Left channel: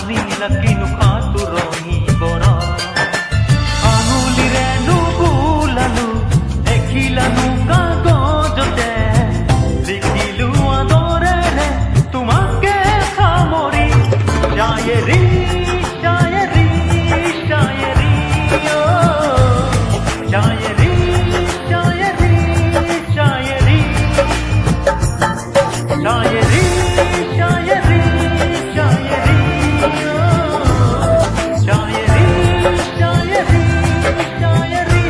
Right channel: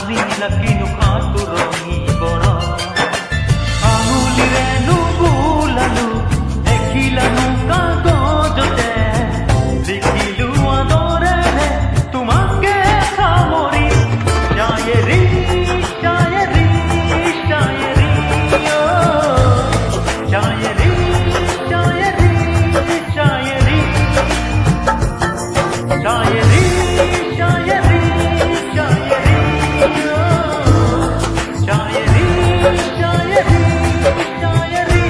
জানিলা কিনো খাতুৰঙি বৰ আঙুলিৰে নুবুলালো দেখিলানো কাগজতে লিখিলো আদৰেৰে তোমাকে সামৰি শায়েৰী শায়েৰী শায়েৰী অ শায়েৰী শায়েৰী শায়েৰী শায়েৰী शायरी शायरी शायरी शायरी शायरी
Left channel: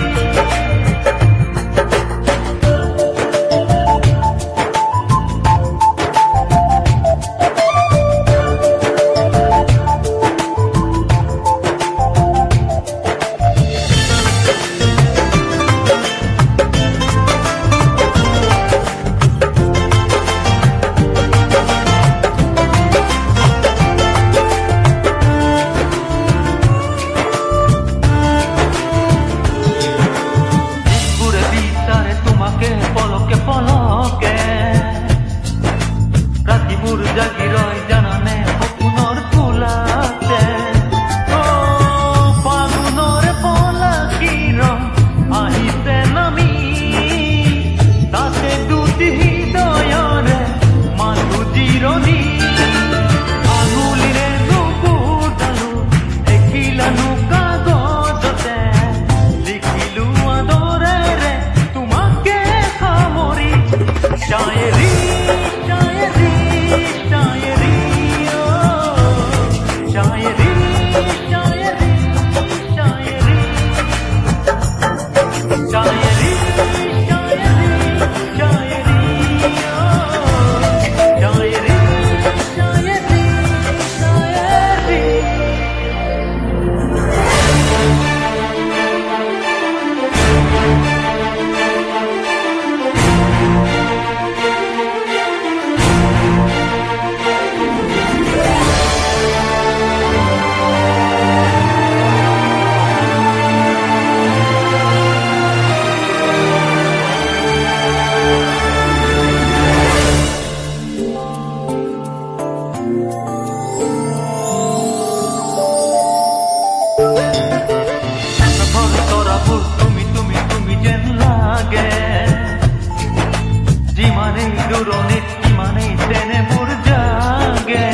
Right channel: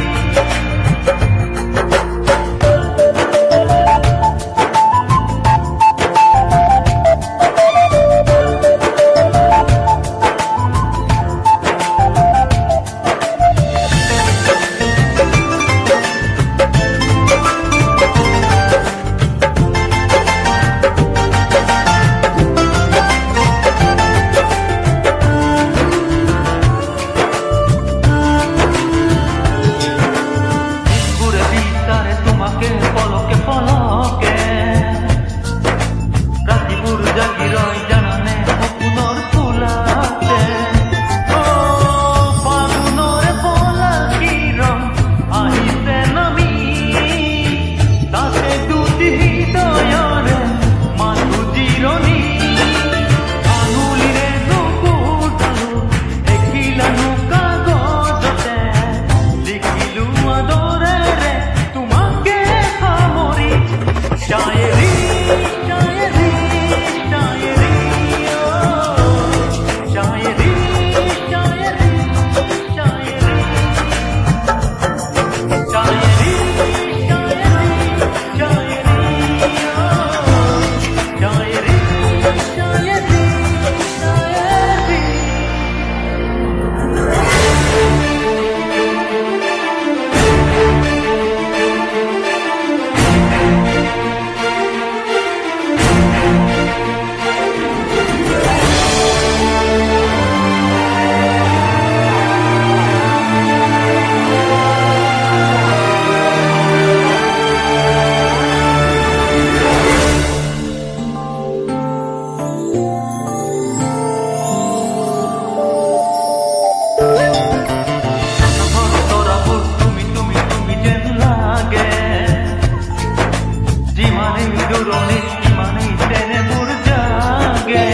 তোমাকে পলকে পলকে ৰাতিপুৰ জাগি ৰয় জানানে সপোনৰ ফুলাতে ও ফাগুনৰ পলাকি ৰং আহিছে নামি তাতে দুটি হৃদয়ৰে মাথো জিৰণি আঙুলিৰে নুবুজালো দেখিলানো কাগজতে লিখিলো আদৰেৰে शायरी शायरी शायरी ओ शायरी शायरी शायरी शायरी शायरी शायरी ओ शायरी शायरी शायरी যেন লাগে যিমানেই দূৰণিত সিমানেই তেনে মোৰ জাগে